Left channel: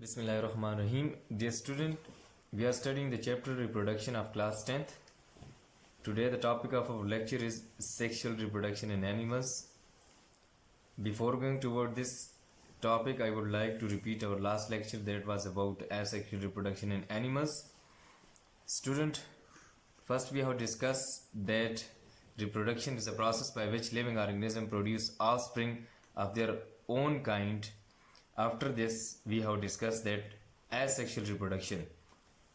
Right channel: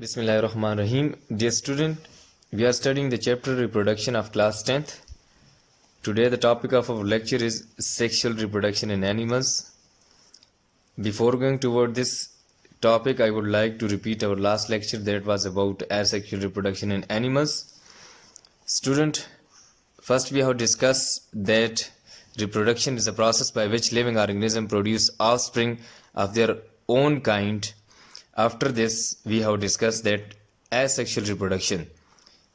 Bismillahirrahmanirrahim. Dear student, we are studying the chapter reproduction of class 10th. Today the topic of our lecture is sexual reproduction in animals. Before going toward this topic, I would like to repeat our last lecture that was about asexual reproduction in animals. Student, first we have discussed that reproduction is a process by which living organisms produce offspring of their own kind. After this, we have discussed that asexual reproduction,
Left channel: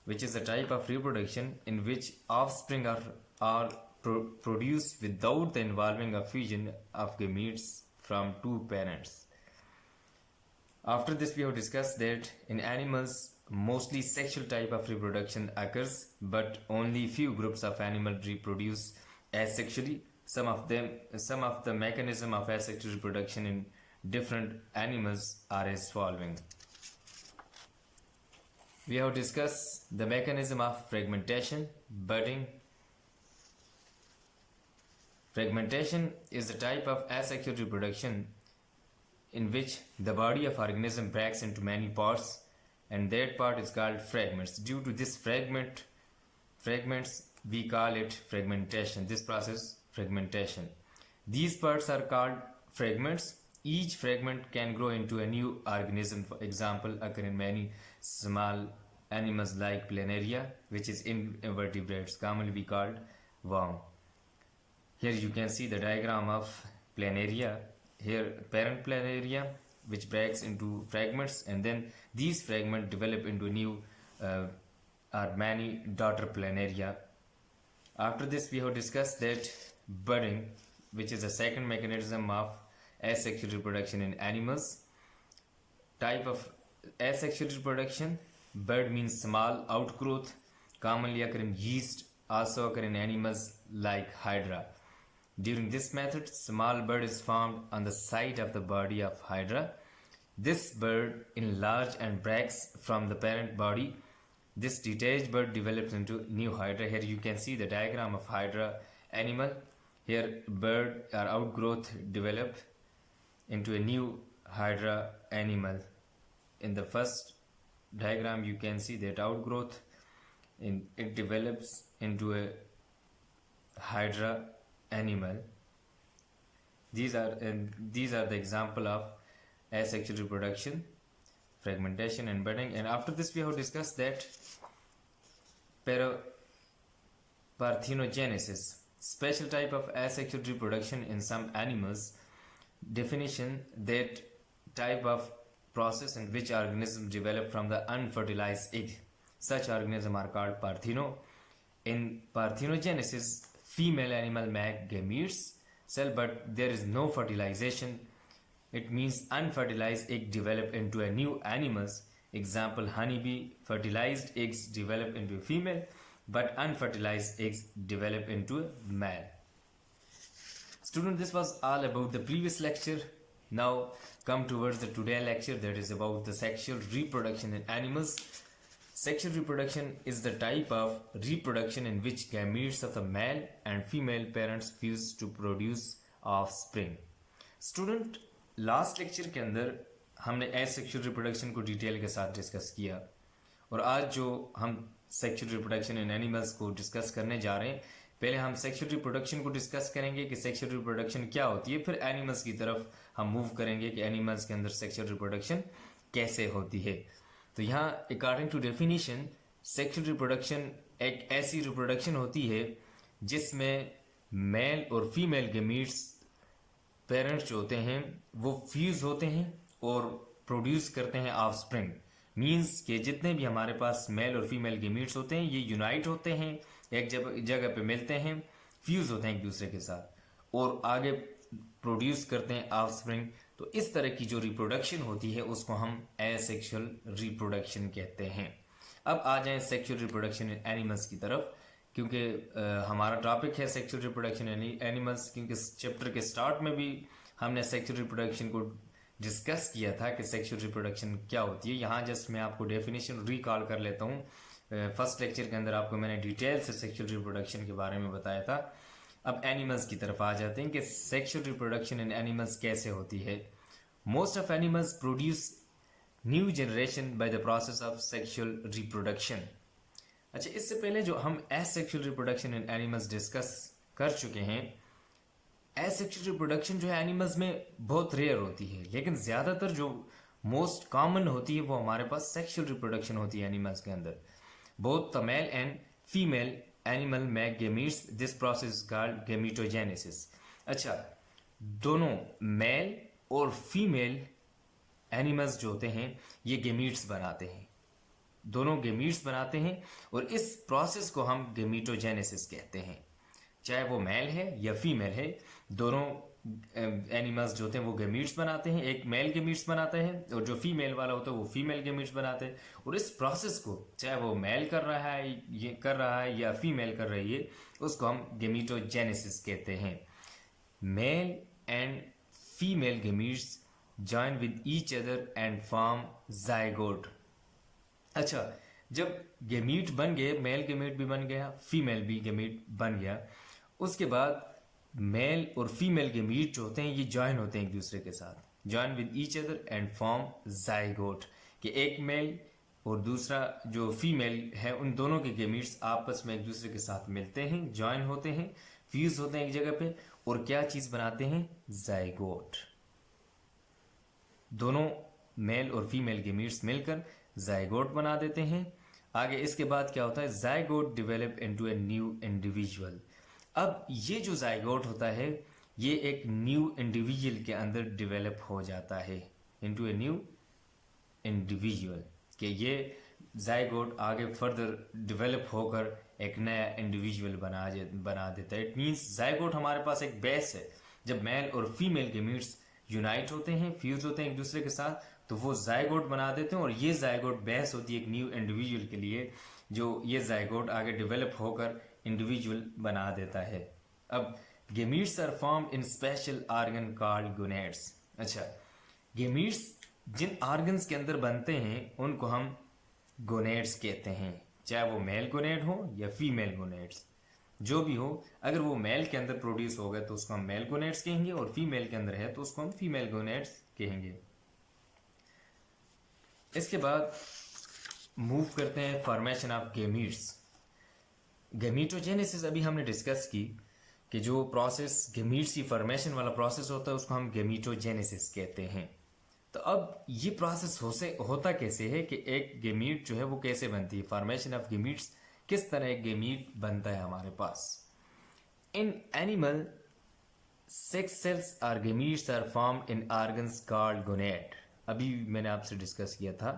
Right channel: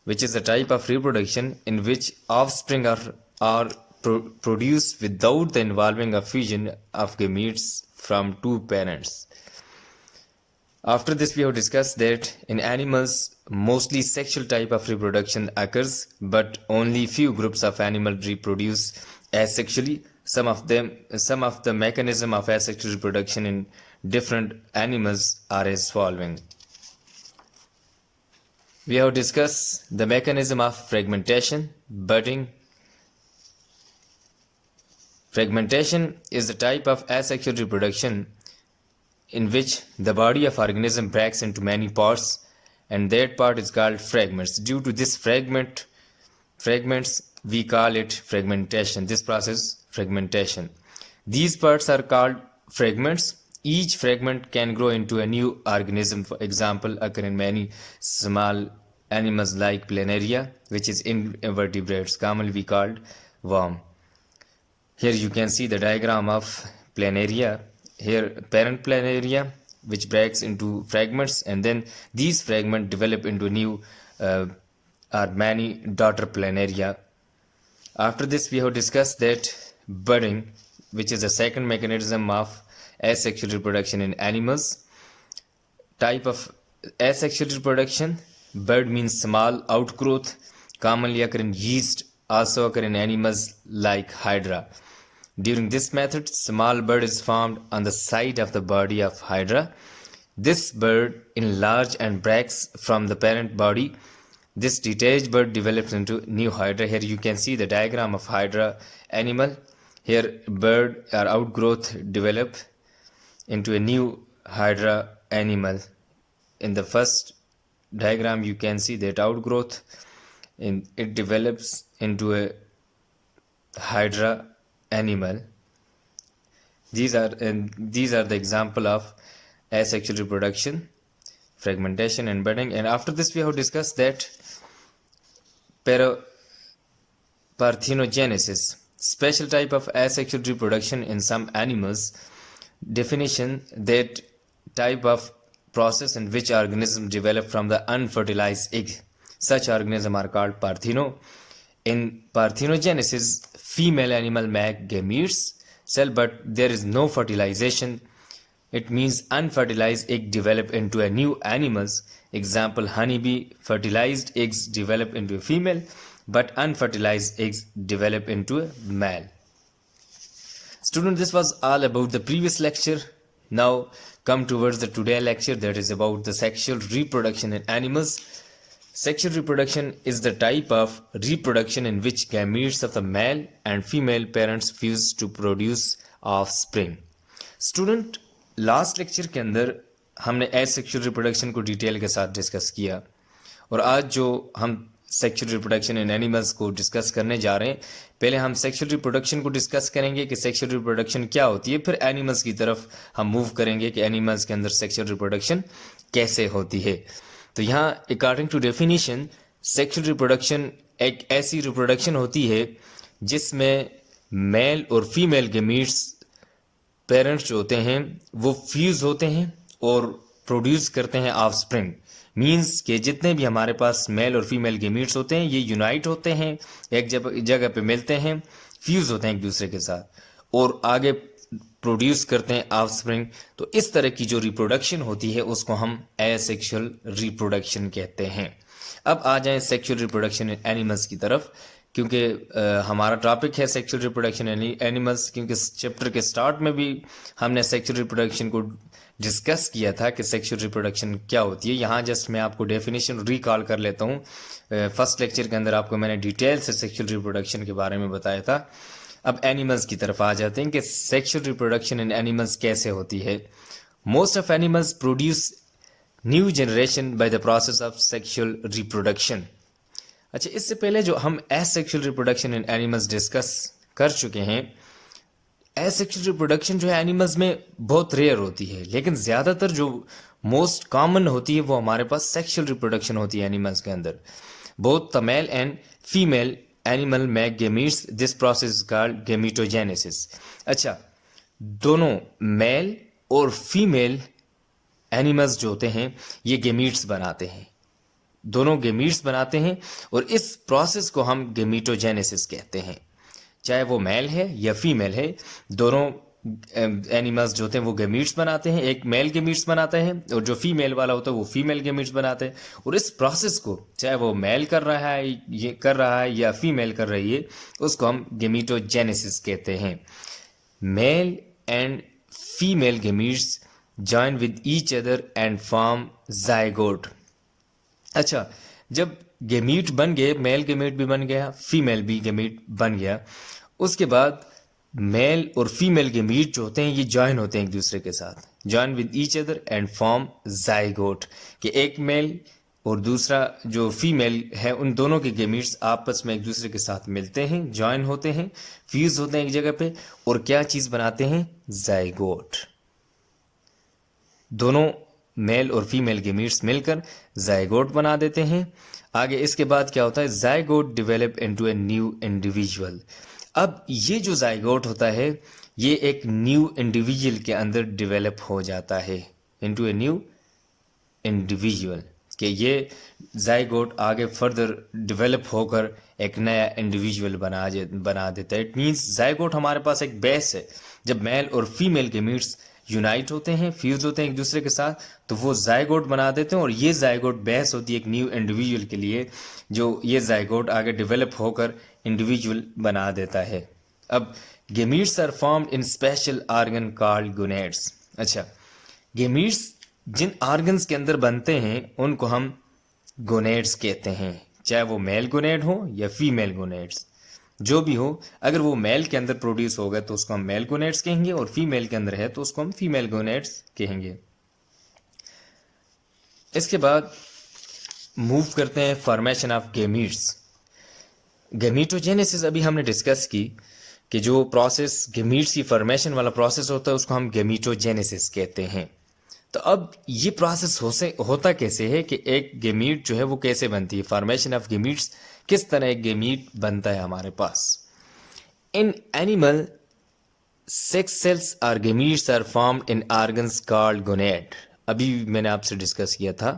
which is a type of reproduction in which offspring are produced without the involving of fusion of gametes from two parents. After this, we have discussed that in animals, mostly sexual type of reproduction occurs, but only few groups of animals reproduce asexually. Some of the mechanism of asexual reproduction in different animals are as following. We have discussed the mechanism of fragmentation, budding. Fragmentation is a type of asexual reproduction in which the body of organism breaks into many parts, and that part is called fragments. Due to this fragments, we call it fragmentation. This process, fragmentation. These parts are called fragments. Each fragment can grow into a new organism. For example, occur in many small animals like planaria, which is invertebrates, commonly called worm. Here you can see the diagram of planaria. Here parent planaria, which breaks into fragments, and then these fragments develop into new or many daughter planaria. After this, we have discussed that budding, which is the second mechanism of asexual reproduction in animals. Type of asexual reproduction, bud means small outgrowth, commonly occur in yeast, also occur in animals like hydra. During this method, small bud is formed on the side of the body of hydra. This bud enlarges and breaks from the parent body. This detached bud develops into new hydra. Here you can see the diagram of hydra animal. Here bud or outgrowth develop into a new hydra animal. In the first diagram you can see that outgrowth, and it develops into a hydra animal. These are the example of asexual reproduction, fragmentation and budding. And after this, we have discussed that parthenogenesis, special type of asexual reproduction in some animals. Definition: that type of process in which organisms develop from the unfertilized egg. Such organisms are called partheno. In parthenogenesis, female animal make gametes cell, but there is no fertilization. It means unfertilized egg develop into a new animals. Example: honeybee, fertilized eggs develop into a female, but unfertilized eggs develop into a male. Student, this was all about the previous lecture. Now come towards the today lecture, that is about the sexual reproduction in animals. Sexual reproduction is the type of reproduction in which gametes of the male and female parents fuse to produce offspring. Student, last lecture के अंदर हमने asexual reproduction को detail के साथ discuss किया, और आज जो हम सेक्सुअल रिप्रोडक्शन इन एनिमल्स को डिस्कस करने जा रहे हैं, पहले हम सेक्सुअल रिप्रोडक्शन को डिस्कस करेंगे कि सेक्सुअल रिप्रोडक्शन क्या होती है, फिर एनिमल्स की तरफ हम मूव करेंगे कि एनिमल्स के अंदर सेक्सुअल रिप्रोडक्शन कैसे होती है. तो यहाँ according to definition, sexual reproduction एक ऐसी रिप्रोडक्शन होती है जिसमें मेल और फीमेल गेमीट्स पेरेंट्स जो होते हैं वो फ्यूज होते हैं और प्रोड्यूस करते हैं ऑफस्प्रिंग. मींस कि जितने भी हमारे पास मेल और फीमेल गेमीट्स होते हैं ये यूनाइट होते हैं, एक जगह पे मिलते हैं, फ्यूज होते हैं एक दूसरे के साथ और आगे प्रोड्यूस करते हैं ऑफस्प्रिंग. तो इस तरह की जो रिप्रोडक्शन होती है उसको हम एसेक्सुअल रिप्रोडक्शन कहते हैं. अब आ जाएं सेक्सुअल रिप्रोडक्शन इन एनिमल्स की तरफ, क्योंकि हमारा टॉपिक है सेक्सुअल रिप्रोडक्शन एनिमल्स. क्योंकि चैप्टर के स्टार्ट में भी हमने सेक्सुअल रिप्रोडक्शन को डिस्कस किया था कि सेक्सुअल रिप्रोडक्शन क्या होती है. यहाँ जस्ट मैं आपको डेफिनेशन रिकॉल कर लेता हूँ. फर्स्ट लेक्चर के अंदर आपको मैंने डिटेल से सेक्सुअल रिप्रोडक्शन के बारे में बताया था. अब एनिमल्स की तरफ आ जाते हैं कि सेक्सुअल रिप्रोडक्शन इन एनिमल्स कैसे होती है. Most of animals produce new generation by the process of sexual reproduction. अच्छा, इससे पहले जो हम asexual reproduction in animals discuss कर चुके हैं, एसेक्सुअल रिप्रोडक्शन जो है एनिमल्स में बहुत रेयर होती है, लेकिन ज़्यादातर जो मोस्ट कॉमन होती है वो हमारे पास सेक्सुअल रिप्रोडक्शन होती है एनिमल्स के अंदर। Both the male and female animal make gametes, this process is called gametogenesis. अच्छा, दोनों मेल और फीमेल एनिमल्स जो होते हैं ये गेमीट्स बनाते हैं, दोनों गेमीट्स बनाते हैं, और इस प्रोसेस को हम गेमीटोजेनेसिस कहते हैं। चाहे वो मेल है या फीमेल है, दोनों एनिमल्स जो होते हैं वो गेमीट्स बनाते हैं। एक मेल गेमीट्स बनाता है और जो फीमेल वाला होता है वो फीमेल गेमीट्स बनाते हैं। और इस प्रोसेस को चाहे वो मेल कर रहा है या फीमेल कर रही है, उसको हम गेमीटोजेनेसिस कहते हैं। Mail and female gametes join with each other and form zygote. अच्छा, जब गेमीट बन गए, मेल गेमीट भी बन गया, फीमेल भी गेमीट बन गया, उसके बाद मेल और फीमेल गेमीट जो होते हैं ये जॉइन होते हैं एक दूसरे के साथ, join with each other and form zygote, कि एक मेल और दूसरा जो फीमेल है उन दोनों के गेमीट्स आपस में एक दूसरे के साथ मिलते हैं, जॉइन होते हैं, फ्यूज होते हैं एक जगह पे, और क्या चीज़ बनाते हैं? जाइगोट। दोनों मेल और फीमेल गेमीट्स मिलकर जाइगोट बना देते हैं। आगे इसके बाद क्या होता है? Zygote develop into a new individual. अब ये जो जाइगोट होता है ये एक न्यू इंडिविजुअल के अंदर डिवेलप हो जाता है, इनटू ए न्यू इंडिविजुअल, कि ये जाइगोट आगे फर्दर डेवलप होकर एक नया इंडिविजुअल बना देता है। इट मीन्स जाइगोट हमारे पास एक बेस है। जब मेल और फीमेल गेमीट्स यूनाइट होते हैं, फ्यूज होते हैं एक दूसरे के साथ, तो वो जाइगोट बना देते हैं, और ये जाइगोट बेस होती है एक न्यू इंडिविजुअल के लिए, जो ये जाइगोट आगे डेवलप होकर इंडिविजुअल बना देता है। अब gametes are formed in special organ called gonads. अच्छा, गेमीट्स जिन ऑर्गन्स के अंदर बनते हैं उनको हम गोनेड्स कहते हैं, चाहे वो मेल गोनेड हो या फीमेल गोनेड्स, जो भी हो। अगर वो मेल के अंदर प्रोड्यूस हो गए तो उसको हम मेल गोनेड्स कहेंगे, और फीमेल के अंदर है तो उसको हम फीमेल गोनेड्स कहेंगे। इसके बाद मूव करते हैं फॉर्मेशन ऑफ गेमीट्स। गेमीटोजेनेसिस अभी हमने डिस्कस की कि जो प्रोसेस गेमीट्स की फॉर्मेशन वाला प्रोसेस होता है उसको हम गेमीटोजेनेसिस कहते हैं। तो अब ये प्रोसेस होता कैसे है कि एक गेमीट जो है वो कैसे बनती है, फॉर्मेशन ऑफ गेमीट्स, किस तरह एक गेमीट बनता है हमारे पास। इन एनिमल सेक्स सेल्स और gametes are formed in organs called gonad. अभी मैंने आपसे डिस्कस किया था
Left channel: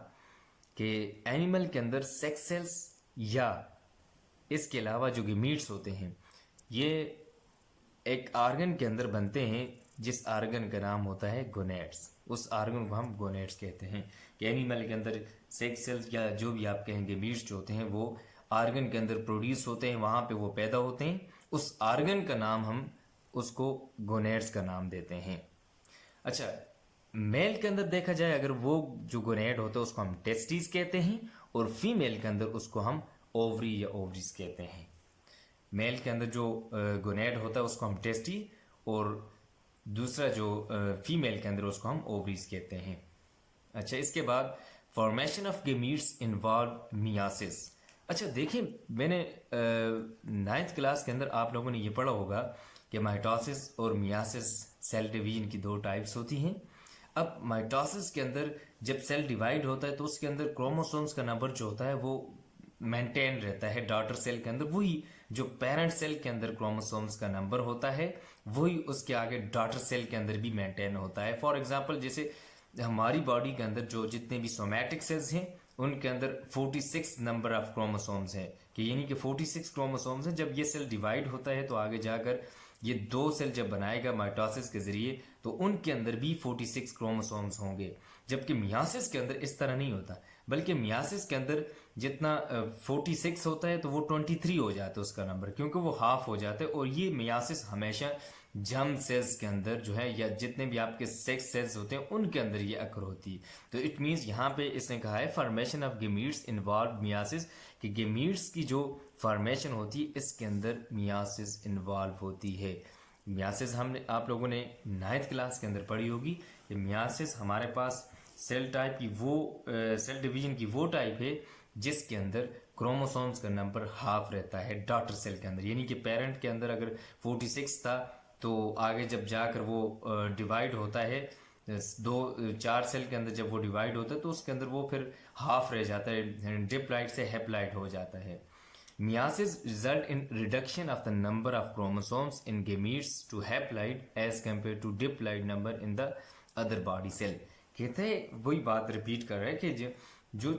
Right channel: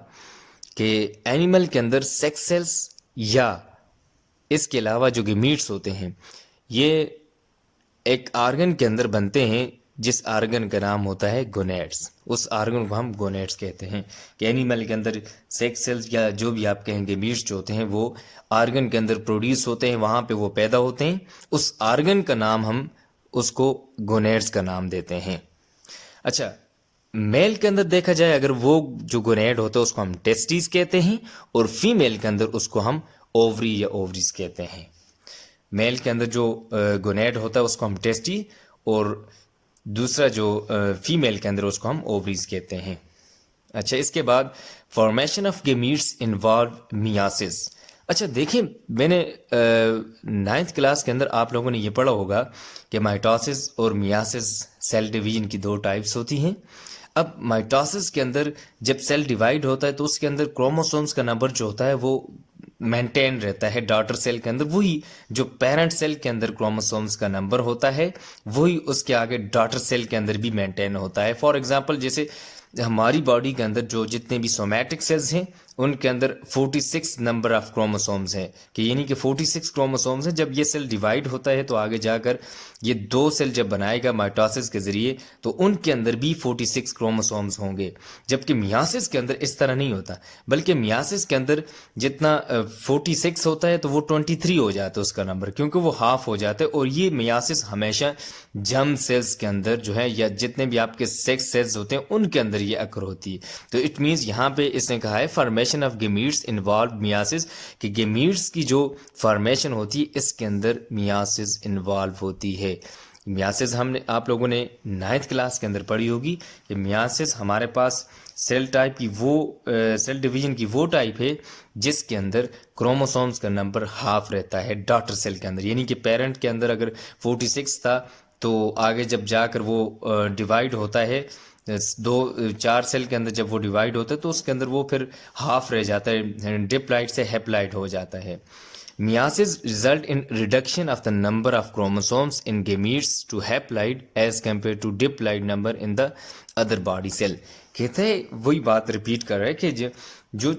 कि एनिमल के अंदर सेक्स सेल्स या इसके अलावा जो गेमीट्स होते हैं ये एक ऑर्गन के अंदर बनते हैं, जिस ऑर्गन का नाम होता है गोनेड्स। उस ऑर्गन को हम गोनेड्स कहते हैं। कि एनिमल के अंदर सेक्स सेल्स या जो भी आप कहेंगे गेमीट्स जो होते हैं वो ऑर्गन के अंदर प्रोड्यूस होते हैं, वहाँ पे वो पैदा होते हैं, उस ऑर्गन का नाम हम उसको गोनेड्स का नाम देते हैं। अच्छा, मेल के अंदर देखा जाए अगर वो जो गोनेड होता है उसको हम टेस्टिस कहते हैं, और फीमेल के अंदर उसको हम ओवरी या ओवरीज कहते हैं। मेल के अंदर जो गोनेड होता है उसको हम टेस्टी, और दूसरा जो फीमेल के अंदर उसको हम ओवरीज कहते हैं। अच्छा, इसके बाद formation of gametes involve myiasis. अच्छा देखिए, मैंने 9th क्लास के अंदर आप लोगों ने ये पढ़ा होगा कि माइटोसिस और मियासिस सेल डिवीजन की 2 टाइप्स होती हैं। अब माइटोसिस के अंदर जब सेल डिवाइड होता है तो उसके अंदर क्रोमोसोम्स का नंबर जो होता है वो मेंटेन रहता है डॉटर सेल के अंदर, वही जो पेरेंट सेल के अंदर क्रोमोसोम्स का नंबर होता है वही उसके आगे डॉटर सेल के अंदर भी मेंटेन होता है। फॉर एग्जांपल, जैसे हमारी बॉडी के अंदर जो जितने भी सोमैटिक सेल्स हैं उनके अंदर 46 नंबर ऑफ क्रोमोसोम्स हैं, कि यानी कि 46 क्रोमोसोम्स हैं। जब ये सेल डिवाइड होता है तो आगे जाकर ये 2 सेल जब बनाएगा माइटोसिस के जरिए तो उनके अंदर भी 46 क्रोमोसोम्स होंगे। जबकि मियासिस के अंदर इस तरह नहीं होता, बल्कि मियासिस के अंदर जितना 46 होता है तो वो 23 हो जाता है उसका नंबर, क्योंकि वो हाफ हो जाता है। और ये मियासिस हमेशा जर्म सेल्स के अंदर जो है या जितने भी आपके सेक्स सेल्स होते हैं उनके अंदर ये अकर होती है। तो इट मीन्स यहाँ पे इसने कहा है formation of gametes involve myiasis, कि गेमीट्स की जो फॉर्मेशन होती है इसके अंदर मियासिस इन्वॉल्व होती है। मियासिस हमने आप लोगों ने 9th क्लास के अंदर पढ़ी होगी कि मियासिस हमारे पास सेल टाइप की वो सेल डिवीजन की वो टाइप है जिसके अंदर क्रोमोसोम्स का नंबर हाफ रहता है डॉटर सेल के अंदर। यानी कि पेरेंट के अंदर अगर 46 था तो आगे जब जाकर वो डिवाइड होता है, दो चार सेल के अंदर जब वो डिवाइड होता है तो उसके अंदर वो फिर हाफ रह जाता है, डिप्लाइड से हेप्लाइड हो जाता है। Meiosis result in reduction of the number of chromosomes in gametes to haploid as compared to diploid number in the other body cell। कहते हैं वही बात रिपीट कर रहा है कि जो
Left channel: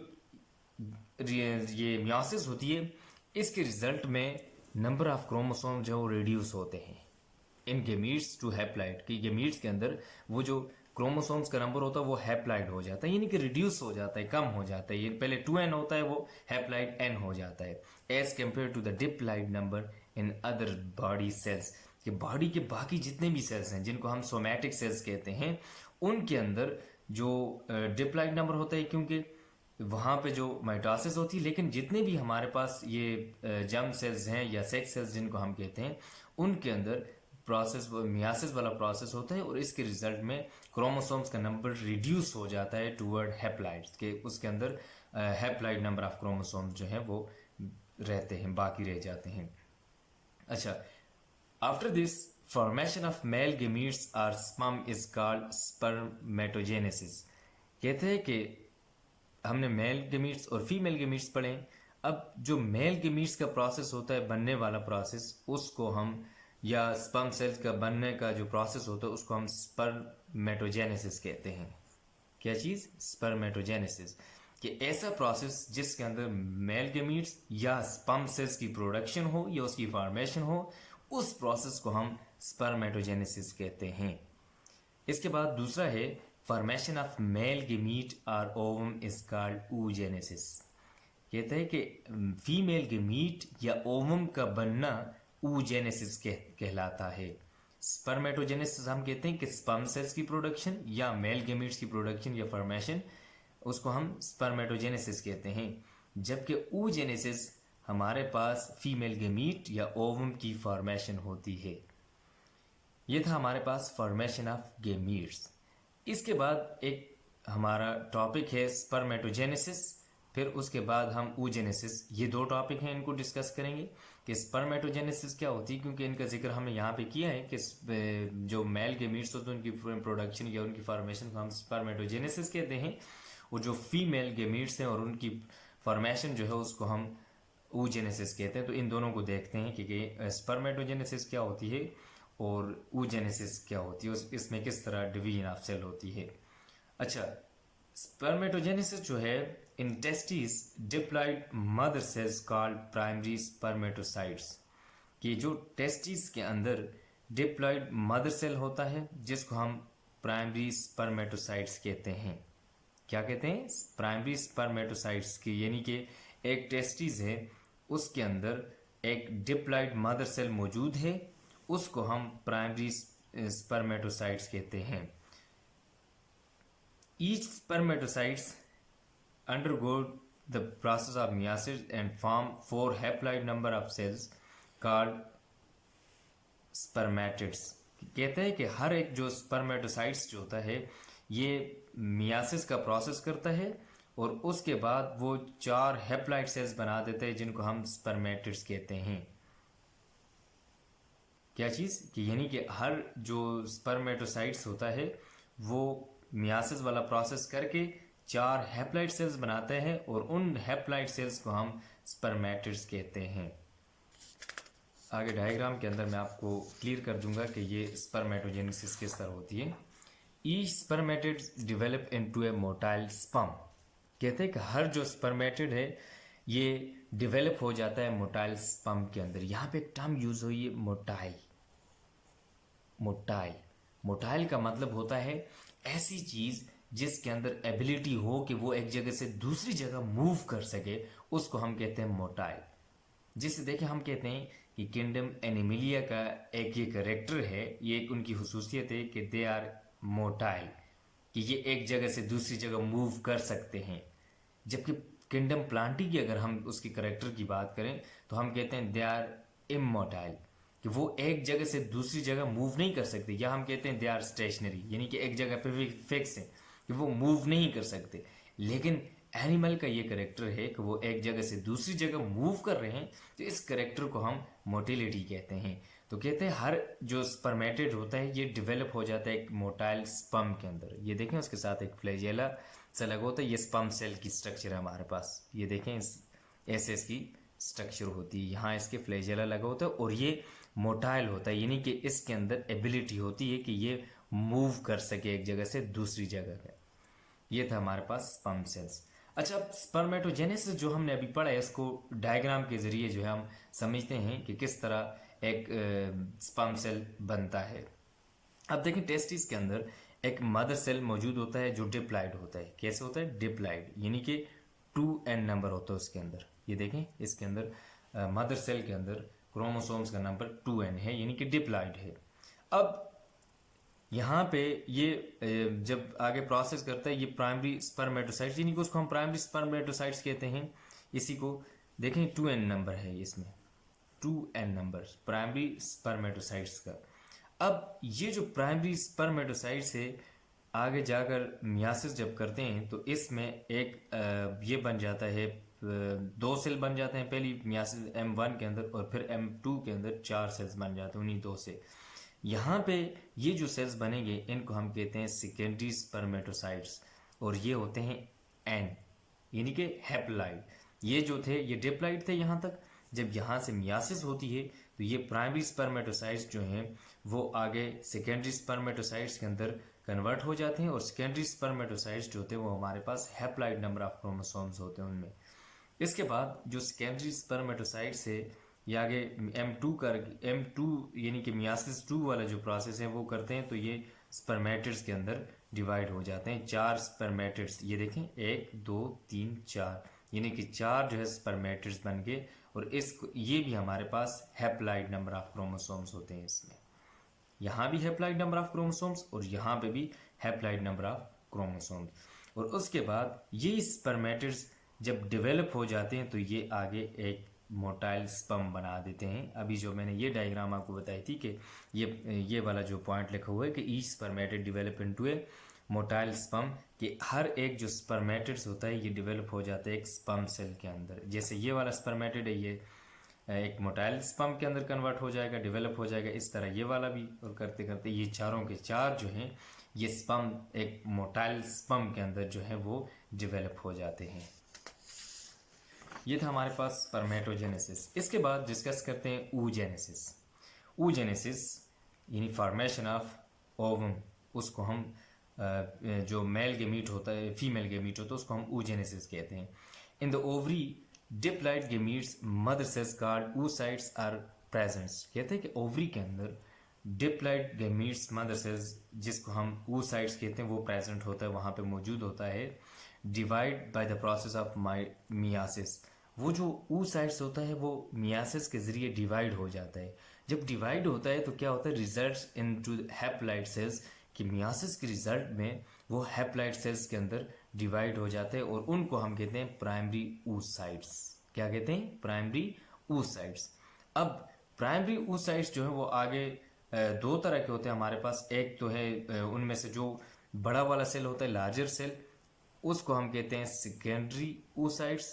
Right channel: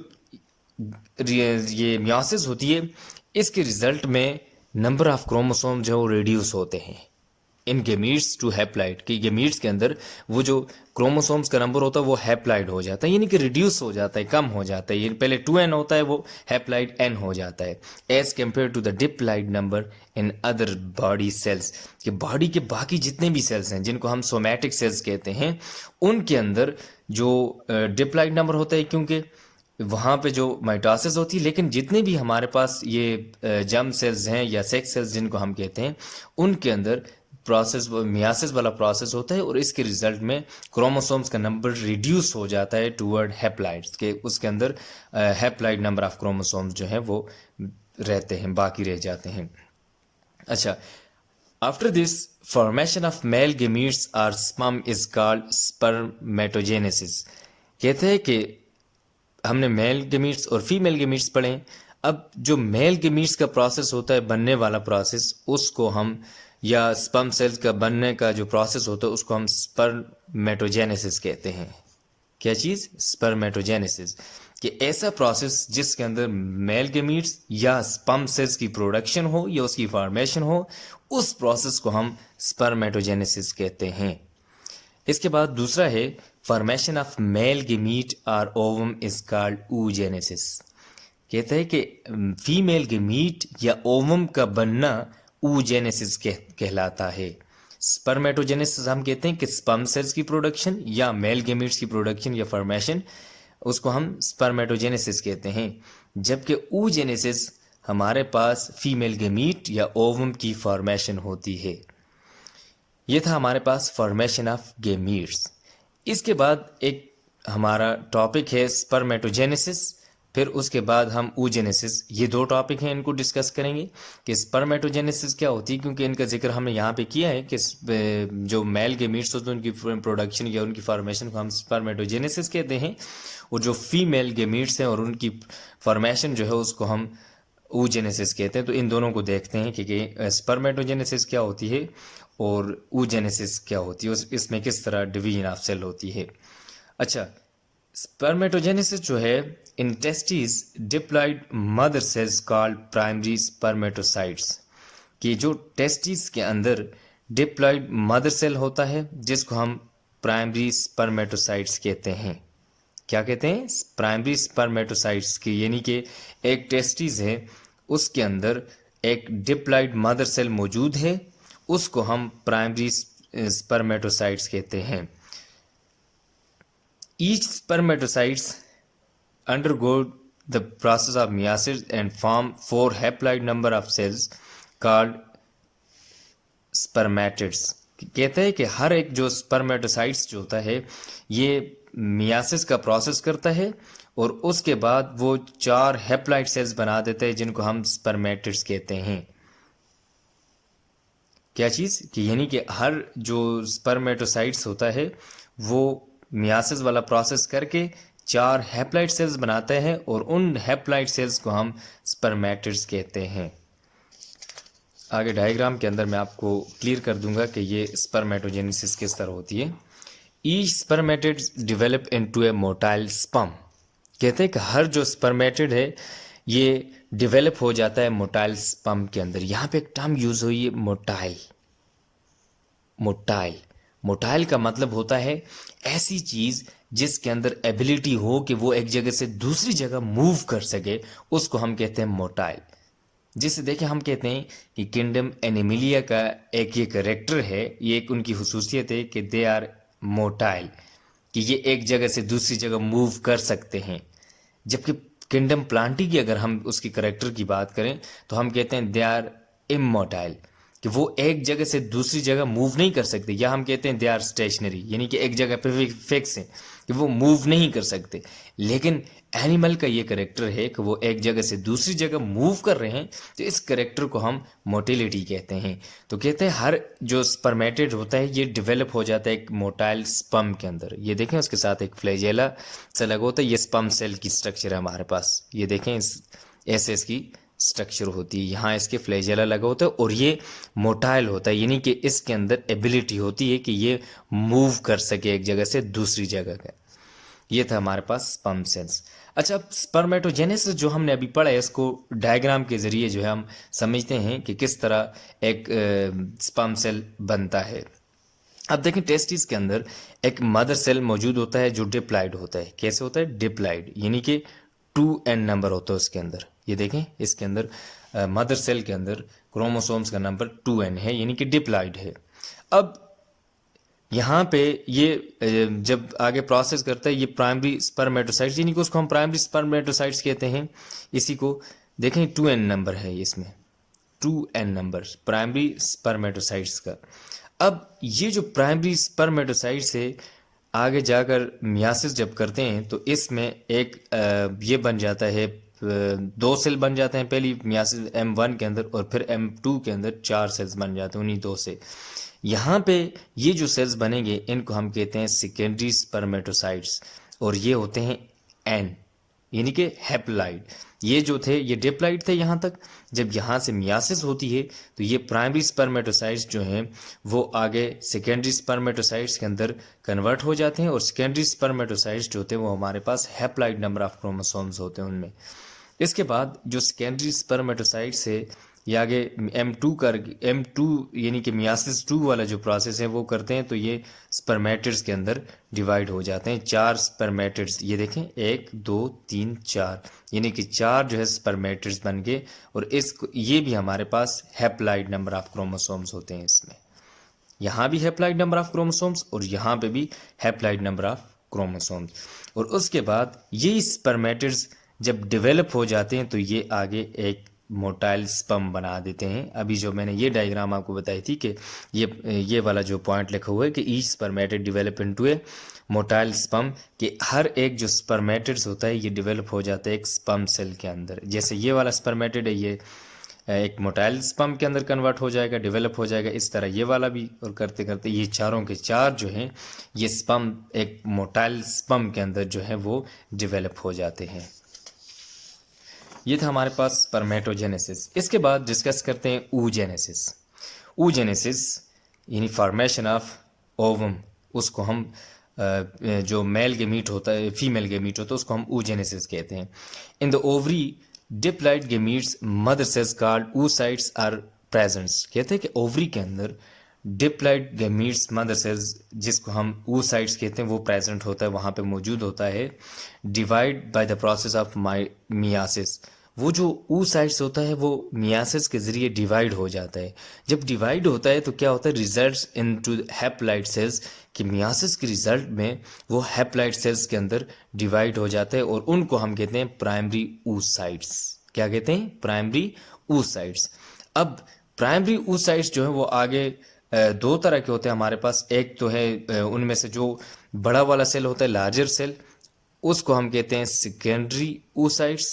ये मियोसिस होती है इसके रिजल्ट में नंबर ऑफ क्रोमोसोम जो रिड्यूस होते हैं इन गेमीट्स टू हैप्लाइड, कि गेमीट्स के अंदर वो जो क्रोमोसोम्स का नंबर होता है वो हैप्लाइड हो जाता है, यानी कि रिड्यूस हो जाता है, कम हो जाता है। ये पहले 2n होता है वो हैप्लाइड n हो जाता है as compare to the diploid number in other body cells. कि बॉडी के बाकी जितने भी सेल्स हैं जिनको हम सोमैटिक सेल्स कहते हैं उनके अंदर जो डिप्लाइड नंबर होता है, क्योंकि वहाँ पे जो माइटोसिस होती है, लेकिन जितने भी हमारे पास ये जर्म सेल्स हैं या सेक्स सेल्स जिनको हम कहते हैं उनके अंदर प्रोसेस मियासिस वाला प्रोसेस होता है और इसके रिजल्ट में क्रोमोसोम्स का नंबर रिड्यूस हो जाता है टूवर्ड हैप्लाइड्स के, उसके अंदर हैप्लाइड नंबर ऑफ क्रोमोसोम्स जो है वो रहते हैं, बाकी रह जाते हैं। अच्छा, after this formation of male gametes और स्पर्म इज कॉल्ड स्पर्मेटोजेनेसिस। कहते हैं कि हमने मेल गेमीट्स और फीमेल गेमीट्स पढ़े, अब जो मेल गेमीट्स का प्रोसेस होता है बनने वाला प्रोसेस, उसको हम या स्पर्म सेल्स का बनने का जो प्रोसेस होता है उसको हम स्पर्मेटोजेनेसिस कहते हैं। क्या चीज़? स्पर्मेटोजेनेसिस। कि ऐसा प्रोसेस जिसके अंदर मेल गेमीट्स या स्पर्म सेल्स की प्रोडक्शन हो या उसकी फॉर्मेशन हो, उस प्रोसेस को हम स्पर्मेटोजेनेसिस कहते हैं। इसके बाद दूसरा है फॉर्मेशन ऑफ मेल गेमीट और ओवम इज कॉल्ड oogenesis। कहते हैं कि फीमेल गेमीट या ओवम का बनना oogenesis कहलाता है। स्पर्मेटोजेनेसिस हम कहते हैं कि स्पर्म सेल्स की प्रोडक्शन या मेल गेमीट्स की प्रोडक्शन या फॉर्मेशन, उसको हम स्पर्मेटोजेनेसिस कहते हैं। जबकि oogenesis हमारे पास फीमेल गेमीट या ओवम की फॉर्मेशन होती है। ये था हमारे पास फॉर्मेशन ऑफ गेमीट्स। इसके बाद एक हमारा टॉपिक है स्पर्मेटोजेनेसिस, फिर उसके बाद हम oogenesis। ये दो टॉपिक हैं, इनको डिस्कस करेंगे कि स्पर्मेटोजेनेसिस क्या होती है, क्योंकि इनका जिक्र हमने यहाँ पे किया है कि जो मेल गेमीट्स होते हैं उनकी प्रोडक्शन या उनकी फॉर्मेशन को हम स्पर्मेटोजेनेसिस कहते हैं, और जो फीमेल गेमीट्स हैं और उनकी फॉर्मेशन जो है उसको हम oogenesis कहते हैं। तो इन दोनों को देखते हैं कि स्पर्मेटोजेनेसिस क्या होती है और oogenesis क्या होती है, इसमें किस तरह डिवीजन ऑफ सेल होती है। अच्छा, स्पर्मेटोजेनेसिस जो है in testis diploid mother cells called primary spermatocytes. कि जो टेस्टिस के अंदर डिप्लॉइड मदर सेल होता है जिसको हम प्राइमरी स्पर्मेटोसाइट्स कहते हैं। क्या कहते हैं? प्राइमरी स्पर्मेटोसाइट्स की, यानी कि एक टेस्टिस है उसके अंदर एक डिप्लॉइड मदर सेल मौजूद है, उसको हम प्राइमरी स्पर्मेटोसाइट्स कहते हैं। Each spermatocytes undergo the process of meiosis and form 4 haploid number of cells called spermatids। कहते हैं कि हर एक जो स्पर्मेटोसाइट्स जो होता है ये मियासिस का प्रोसेस करता है और उसके बाद वो 4 हैप्लॉइड सेल्स बना देता है जिनको हम स्पर्मेटिड्स कहते हैं। क्या चीज़? कि यानी कि हर जो स्पर्मेटोसाइट्स होता है वो मियासिस वाला प्रोसेस करके 4 हैप्लॉइड सेल्स बनाते हैं और उन हैप्लॉइड सेल्स को हम स्पर्मेटिड्स कहते हैं। आगे डायग्राम के अंदर मैं आपको क्लियर कर दूंगा कि ये स्पर्मेटोजेनेसिस किस तरह होती है। ईच स्पर्मेटिड डिवेलप इनटू ए मोटाइल स्पर्म। कहते हैं कि हर जो स्पर्मेटिड है ये डिवेलप हो जाता है मोटाइल स्पर्म के अंदर। यहाँ पे एक टर्म यूज हुई है मोटाइल। मोटाइल, मोटाइल का मतलब होता है ऐसी चीज जिसके अंदर एबिलिटी हो कि वो एक जगह से दूसरी जगह मूव कर सके, उसको हम कहते हैं मोटाइल। जिसे देखें हम कहते हैं कि किंगडम एनिमिलिया का एक ये करेक्टर है, ये एक उनकी हुसूसियत है कि दे आर मोटाइल, कि ये एक जगह से दूसरी जगह मूव कर सकते हैं। जबकि किंगडम प्लांटी की अगर हम उसकी करेक्टर की बात करें तो हम कहते हैं दे आर इमोटाइल, कि वो एक जगह से दूसरी जगह मूव नहीं कर सकते, या हम कहते हैं दे आर स्टेशनरी, यानी कि एक जगह पे फिक्स है, कि वो मूव नहीं कर सकते। लेकिन एनिमल का ये करेक्टर है कि वो एक जगह से दूसरी जगह मूव कर रहे हैं, तो इस करेक्टर को हम मोटिलिटी कहते हैं। तो कहते हैं हर जो स्पर्मेटेड होता है ये डेवलप हो जाता है एक मोटाइल स्पर्म के अंदर। ये देखें उसके साथ एक फ्लैजेला से लगा होता है, ये स्पर्म सेल की स्ट्रक्चर है हमारे पास। ये देखें इस ऐसे इसकी स्ट्रक्चर होती है, यहाँ इसके फ्लैजेला लगा होता है और ये मोटाइल होता है, यानी कि इसके अंदर एबिलिटी होती है कि ये मूव कर सके एक जगह से दूसरी जगह का। ये था हमारे पास स्पर्म सेल्स। अच्छा, अब स्पर्मेटोजेनेसिस जो हमने अभी पढ़ा है इसको डायग्राम के जरिए जो है हम समझते हैं कि किस तरह एक स्पर्म सेल बनता है। अब देखें टेस्टिस के अंदर एक मदर सेल मौजूद होता है जो डिप्लाइड होता है। कैसे होता है? डिप्लाइड, यानी कि 2n नंबर होता है उसके अंदर। ये देखें इसके अंदर मदर सेल के अंदर क्रोमोसोम्स का नंबर 2n है, यानी कि डिप्लाइड है। अब यहाँ पे ये जब आगे प्रोसेस करता है ये प्राइमरी स्पर्मेटोसाइट्स, यानी कि उसको हम प्राइमरी स्पर्मेटोसाइट्स कहते हैं। इसी को देखें 2n नंबर है इसमें, 2n नंबर प्राइमरी स्पर्मेटोसाइट्स का। अब ये जो प्राइमरी स्पर्मेटोसाइट्स है आगे जाकर मियासिस जब करते हैं तो इसमें एक ये बन जाता है, दो सेल बन जाते हैं पहली मियासिस M1 के अंदर, और फिर M2 के अंदर 4 सेल्स बन जाते हैं उन्हीं दो से। यहाँ पे ये जो सेल्स बनेंगे इनको हम कहते हैं सेकेंडरी स्पर्मेटोसाइट्स, और ये होते हैं N, यानी कि हैप्लॉइड। ये जो थे ये डिप्लॉइड थे यहाँ तक। जब यहाँ से मियासिस होती है तो ये प्राइमरी स्पर्मेटोसाइट्स जो हैं वो आगे सेकेंडरी स्पर्मेटोसाइट्स के अंदर कन्वर्ट हो जाते हैं, और सेकेंडरी स्पर्मेटोसाइट्स जो होते हैं वो हमारे पास हैप्लॉइड नंबर ऑफ क्रोमोसोम्स होते हैं उनमें। इसके बाद जो सेकेंडरी स्पर्मेटोसाइट्स है ये आगे M2 यानी कि मियासिस 2 वाला जो प्रोसेस है वो करते हैं, तो ये स्पर्मेटिड्स के अंदर डिवाइड हो जाते हैं। 4 स्पर्मेटिड्स, ये देखें 1 2 3 4, यानी कि 4 जो है स्पर्मेटिड्स बन गए, और इसको ये भी हमारे पास हैप्लॉइड नंबर ऑफ क्रोमोसोम्स होते हैं इसमें। यहाँ भी हैप्लॉइड नंबर ऑफ क्रोमोसोम्स और यहाँ पे भी हैप्लॉइड नंबर ऑफ क्रोमोसोम्स। और उसके बाद ये स्पर्मेटिड्स जब डेवलप हो जाते हैं तो ये आगे एक मोटाइल स्पर्म बना देते हैं। अभी जो मैंने ये डायग्राम आपको बताई थी कि ये वाला जो पॉइंट लिखा हुआ है कि ईच स्पर्मेटिड डेवलप इनटू ए मोटाइल स्पर्म, कि हर एक जो स्पर्मेटिड्स होता है ये डेवलप हो जाता है एक स्पर्म सेल के अंदर। जैसे ये वाला स्पर्मेटिड है ये एक मोटाइल स्पर्म के अंदर कन्वर्ट हो जाएगा, डेवलप हो जाएगा, इस तरह ये वाला भी। और करते करते ये चारों के चार जो हैं ये स्पर्म एक मोटाइल स्पर्म के अंदर जो है वो डेवलप हो जाते हैं। ये था हमारे पास स्पर्मेटोजेनेसिस। इसके बाद डिस्कस करते हैं oogenesis। oogenesis यानी फॉर्मेशन ऑफ ओवम, उसको हम जो मेल गेमीट होता है फीमेल गेमीट होता है उसको हम oogenesis कहते हैं। In the ovary diploid gametes mother cells called oocytes are presents. कहते हैं कि ओवरी के अंदर डिप्लॉइड गेमीट्स मदर सेल्स जिसको हम oocytes कहते हैं वो प्रेजेंट होता है, वहाँ पे मौजूद होता है। Divide by the process of myiasis, वो जो oocytes होता है वो मियासिस के जरिए डिवाइड हो जाता है। जब डिवाइड होता है तो क्या होता है, रिजल्ट्स इनटू हैप्लॉइड सेल्स, कि मियासिस के रिजल्ट में वो हैप्लॉइड सेल्स के अंदर डिवाइड हो जाते हैं, और उनको हम कहते हैं प्राइमरी oocytes। क्या कहते हैं? Primary oocytes। अब प्राइमरी oocytes जो है वो आगे दो तरह के होते हैं हमारे पास। एक तो है उनमें से जो बड़ा वाला सेल होता है लार्जर सेल, उसको हम कहते हैं सेकेंडरी oocytes,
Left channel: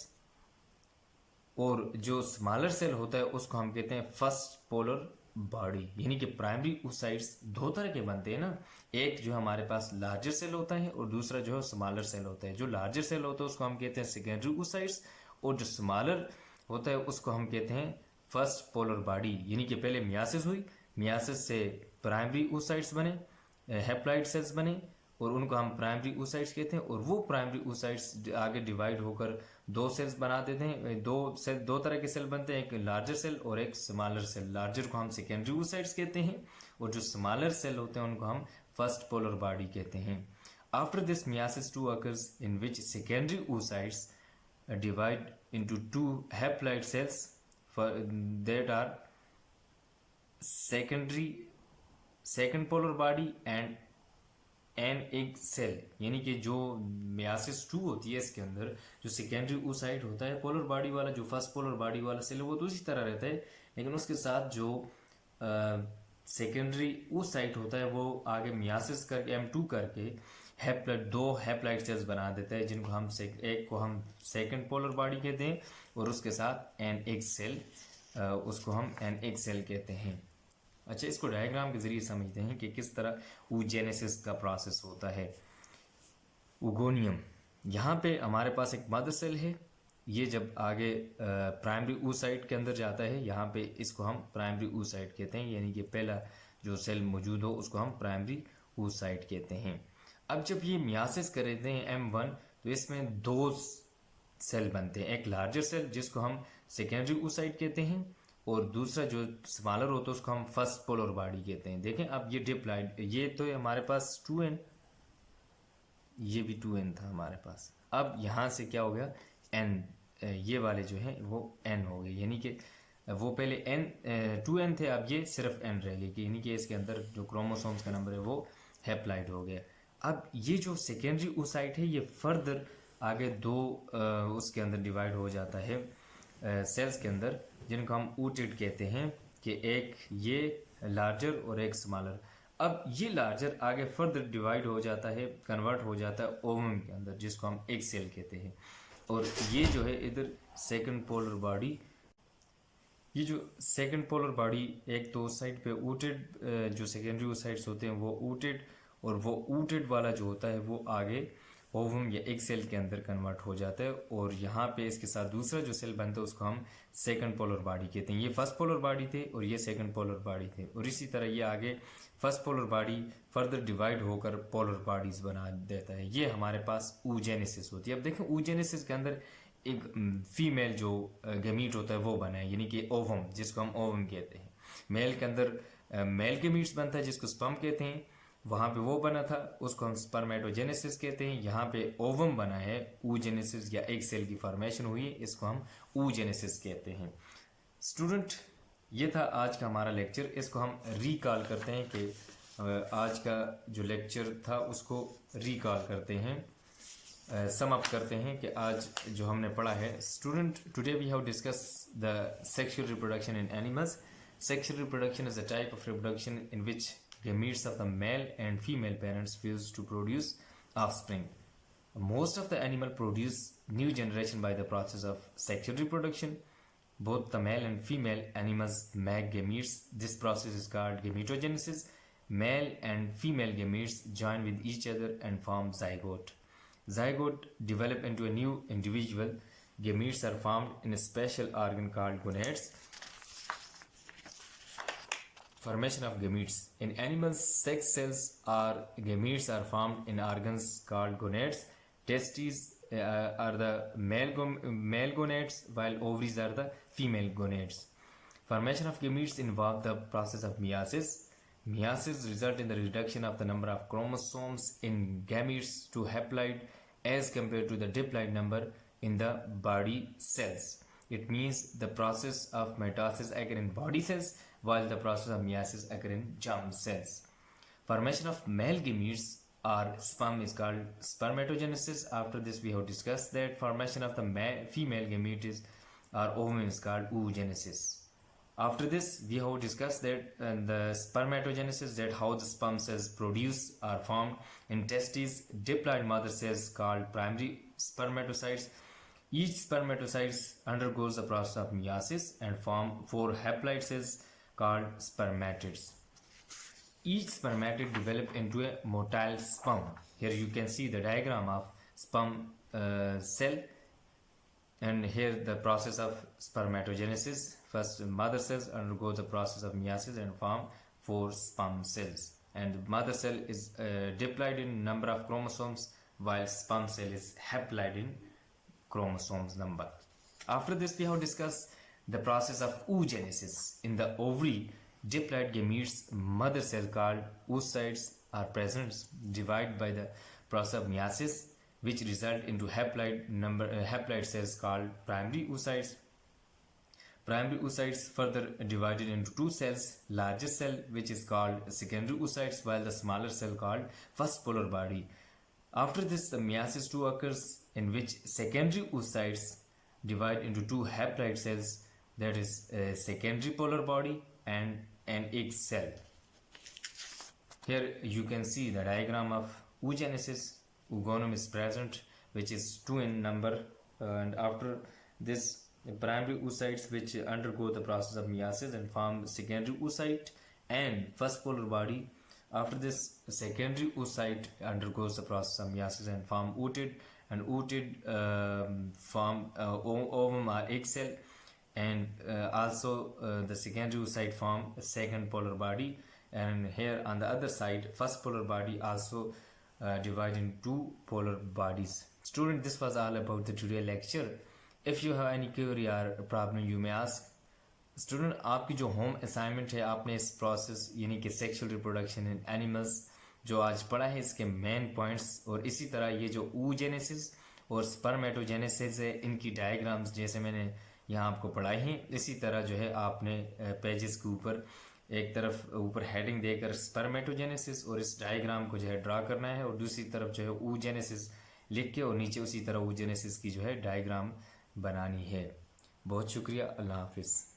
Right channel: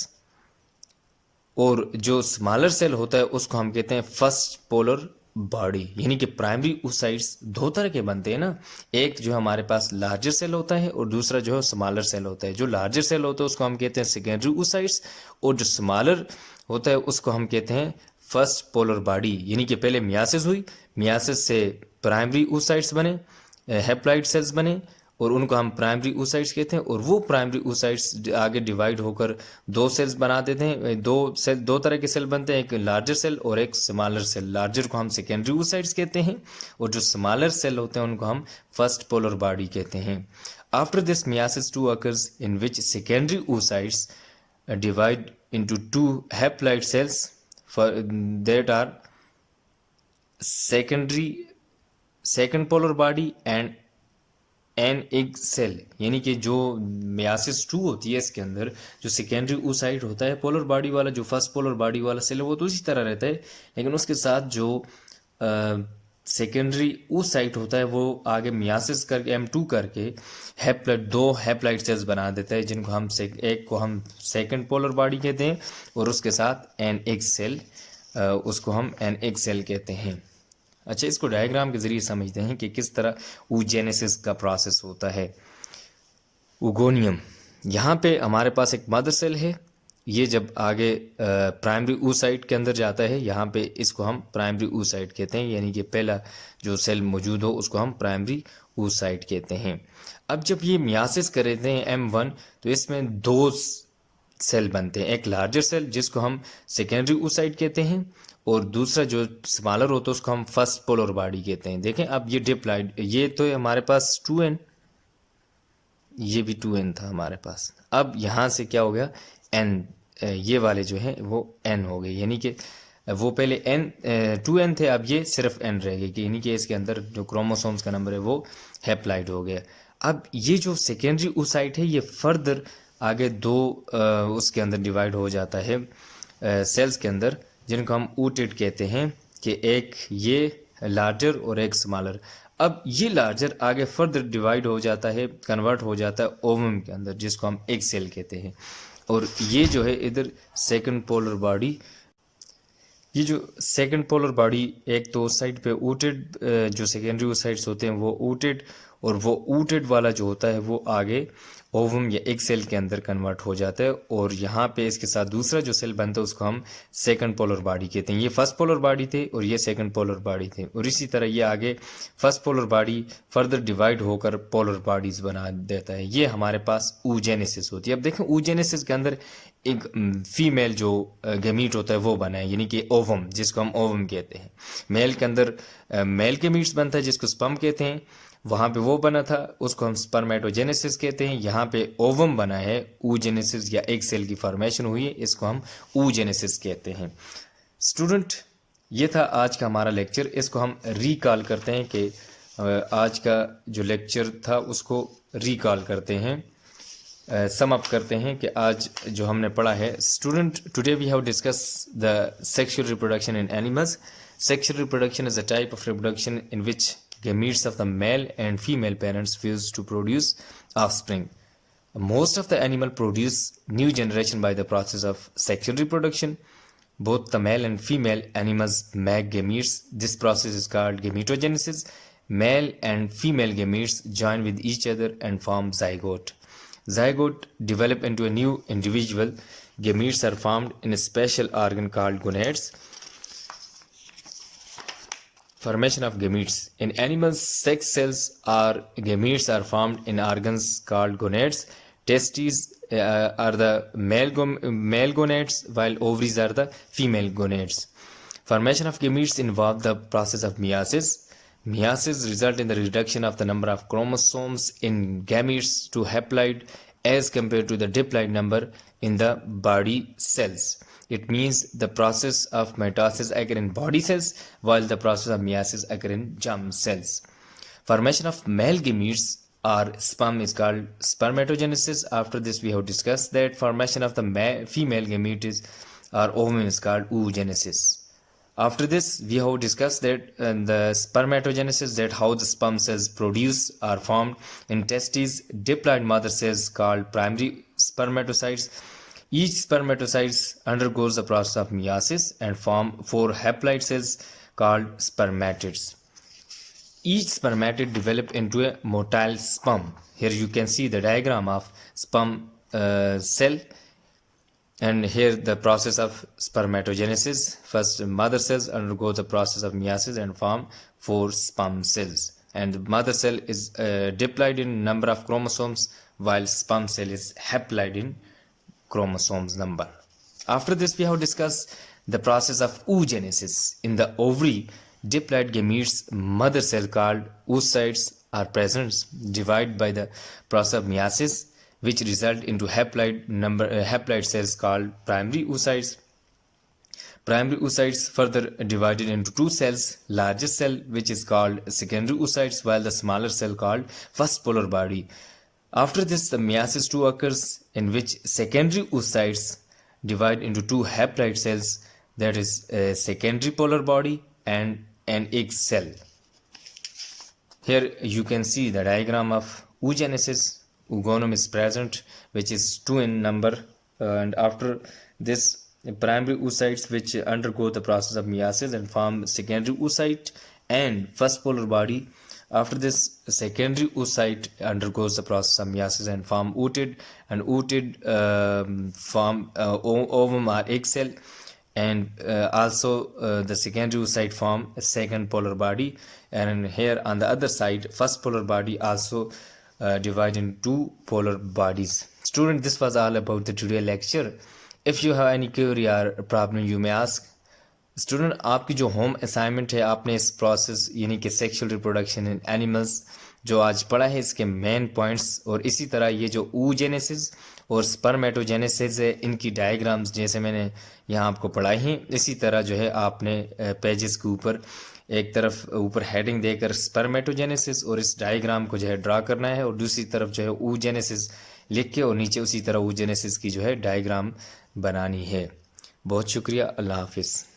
और जो स्मॉलर सेल होता है उसको हम कहते हैं फर्स्ट पोलर बॉडी। यानी कि प्राइमरी oocytes दो तरह के बनते हैं ना, एक जो हमारे पास लार्जर सेल होता है और दूसरा जो है स्मॉलर सेल होता है। जो लार्जर सेल होता है उसको हम कहते हैं सेकेंडरी oocytes, और जो स्मॉलर होता है उसको हम कहते हैं फर्स्ट पोलर बॉडी। यानी कि पहले मियासिस हुई, मियासिस से प्राइमरी oocytes बने, हैप्लॉइड सेल्स बने, और उनको हम प्राइमरी oocytes कहते हैं। और वो प्राइमरी oocytes आगे डिवाइड होकर दो सेल्स बना देते हैं। दो तरह के सेल बनते हैं, एक लार्जर सेल और एक स्मॉलर सेल। लार्जर को हम सेकेंडरी oocytes कहते हैं, और जो स्मॉलर सेल होते हैं उनको हम फर्स्ट पोलर बॉडी कहते हैं। After this myiasis 2 occurs in which secondary oocytes divide into 2 haploid cells that are second polar body and an egg cell. यानी कि जो मियासिस 2 होती है इसके अंदर जो सेकेंडरी oocyte होता है पोलर बॉडी वाला, जो फर्स्ट पोलर बॉडी वाला सेल है वो तो उसी तरह रहता है, लेकिन उसके साथ जो सेकेंडरी oocyte होता है वो आगे मियासिस करके M2 करके हैप्लॉइड 2 हैप्लॉइड सेल्स बना देता है, जिनको हम एक को हम सेकंड पोलर बॉडी कहते हैं और उसके साथ NX सेल, उसको हम NX सेल कहते हैं। अच्छा, इसको डायग्राम के जरिए समझते हैं कि किस तरह oogenesis का प्रोसेस होता है। उगोनियम, यहाँ पे हमारे पास एक मदर सेल है, ये जब आगे प्राइमरी oocyte के अंदर जाता है, यहाँ पे इसको हम प्राइमरी oocyte कहते हैं, यानी कि पहला जो सेल मौजूद हो उसको हम प्राइमरी oocyte कहते हैं। अब जब ये मियासिस कर देते हैं M1, तो इसमें दो सेल बनते हैं, एक लार्जर सेल जिसको हम सेकेंडरी oocyte कहते हैं और दूसरा जो स्मॉलर होता है उसको हम फर्स्ट पोलर बॉडी कहते हैं। देखें अब ये डिप्लॉइड, ये तो हमारे पास 2n, ये भी 2n था हमारे पास। अब यहाँ से क्या हो गया, n, ये वाले जो हैं वो n हो गए, यानी कि वो पहले n 2n थे, अब ये सिर्फ n रह गए, यानी कि इसके अंदर जो क्रोमोसोम्स का नंबर है वो हैप्लॉइड हो गया। अब ये जो सेकेंडरी oocyte है ये फर्दर आगे दो उसके अंदर डिवाइड हो जाता है सेल्स के अंदर, जिनको हम ooted कहते हैं, कि एक ये लार्जर और एक स्मॉलर। अब ये लार्जर आगे फर्दर डिवाइड हो जाता है, कन्वर्ट हो जाता है ओवम के अंदर, जिसको हम एग सेल कहते हैं। और ये जो है इधर सेकंड पोलर बॉडी, ये जो सेकंड पोलर बॉडी एक तो उस साइड पे ooted, जो सेकेंडरी oocytes होते हैं वो ooted, और वो ooted वाला जो होता है वो आगे ओवम या एग सेल के अंदर कन्वर्ट हो जाता है, और यहाँ पे इसके साथ दूसरा जो सेल बनता है उसको हम सेकंड पोलर बॉडी कहते हैं। ये फर्स्ट पोलर बॉडी थे और ये सेकंड पोलर बॉडी थे, और इसी तरह ये आगे first polar body further divide होकर पोलर बॉडीज बना देता है। ये हमारे पास oogenesis होती है। अब देखें oogenesis के अंदर एक फीमेल जो गमीट होता है वो बना है, यानी कि ओवम, जिसको हम ओवम कहते हैं। मेल के अंदर मेल गमीट्स बनता है जिसको स्पर्म कहते हैं, वहाँ पे वो बना था उसको हम स्पर्मेटोजेनेसिस कहते हैं। यहाँ पे ओवम बना है, oogenesis या एग सेल की फॉर्मेशन हुई है, इसको हम oogenesis कहते हैं। स्टूडेंट, ये था आज का हमारा लेक्चर, इसको हम रिकॉल करते हैं कि आज का जो लेक्चर था उसको रिकॉल करते हैं, सम अप करते हैं कि आज जो हमने पढ़ा है। Student, today we have discuss the sexual reproduction in animals. Sexual reproduction is a type of reproduction in which gametes of the male and female parents fuse to produce offspring. Most of the animal produce new generation by the process of sexual reproduction. Both the male and female animals make gametes. This process is called gametogenesis. Male and female gametes join with each other and form zygote. Zygote develop into a new individual. Gametes are formed in a special organ called gonads. Formation of gametes. In animals, sex cells or gametes are formed in organs called gonads. Testes are the male gonads, while ovaries are the female gonads. Formation of gametes involve the process of meiosis. Meiosis result in the reduction of the number of chromosomes in gametes to haploid as compared to the diploid number in the body cells. It means the process of mitosis occur in body cells while the process of meiosis occur in germ cells. Formation of male gametes or sperm is called spermatogenesis. After this we have discussed that formation of the female gametes or ovum is called oogenesis. After this we have discussed that the spermatogenesis, that how the sperm cells produce or formed in testes, diploid mother cells called primary spermatocytes. Each spermatocyte undergoes the process of meiosis and form 4 haploid cells called spermatids. Each spermatid develop into a motile sperm. Here you can see the diagram of sperm cell, and here the process of spermatogenesis. First, mother cells undergo the process of meiosis and form 4 sperm cells, and the mother cell is diploid in number of chromosomes while sperm cell is haploid in chromosomes number. After this we have discussed the process of oogenesis. In the ovary, diploid gametes mother cell called oocytes are present, divide by the process of meiosis, which result into haploid cells called primary oocytes. Primary oocytes further divided into 2 cells, largest cell which is called secondary oocytes, while the smaller cell called first polar body. After this, the meiosis 2 occurs, in which secondary oocytes divide into 2 haploid cells, that is a secondary polar body and an egg cell. Here you can see the diagram of oogenesis. Oogonum is present, which is 2 in number, and after this, primary oocytes which undergo the process of meiosis and form secondary oocyte and first polar body. After this, secondary oocyte undergoes the process of meiosis and form ooted, and ooted form ovum or egg cell, and also the secondary oocyte form a second polar body, and here on the other side, first polar body also divide in two polar bodies. Student, this was all about the today lecture. If you have any query or problem, you may ask. Student, आपकी जो home assignment है, आपने इस process यानी कि sexual reproduction in animals जो आज पढ़ा है, इसके मेन पॉइंट्स, और इसी तरह ये जो oogenesis और स्पर्मेटोजेनेसिस है, इनकी डायग्राम्स जैसे मैंने यहाँ आपको पढ़ाई हैं, इसी तरह जो है आपने पेजेस के ऊपर एक तरफ ऊपर हेडिंग देकर स्पर्मेटोजेनेसिस और इस डायग्राम को जो है ड्रा करना है, और दूसरी तरफ जो है oogenesis लिख के और नीचे उसी तरह oogenesis की जो है डायग्राम बनानी है। बहुत शुक्रिया। अल्लाह हाफिज़।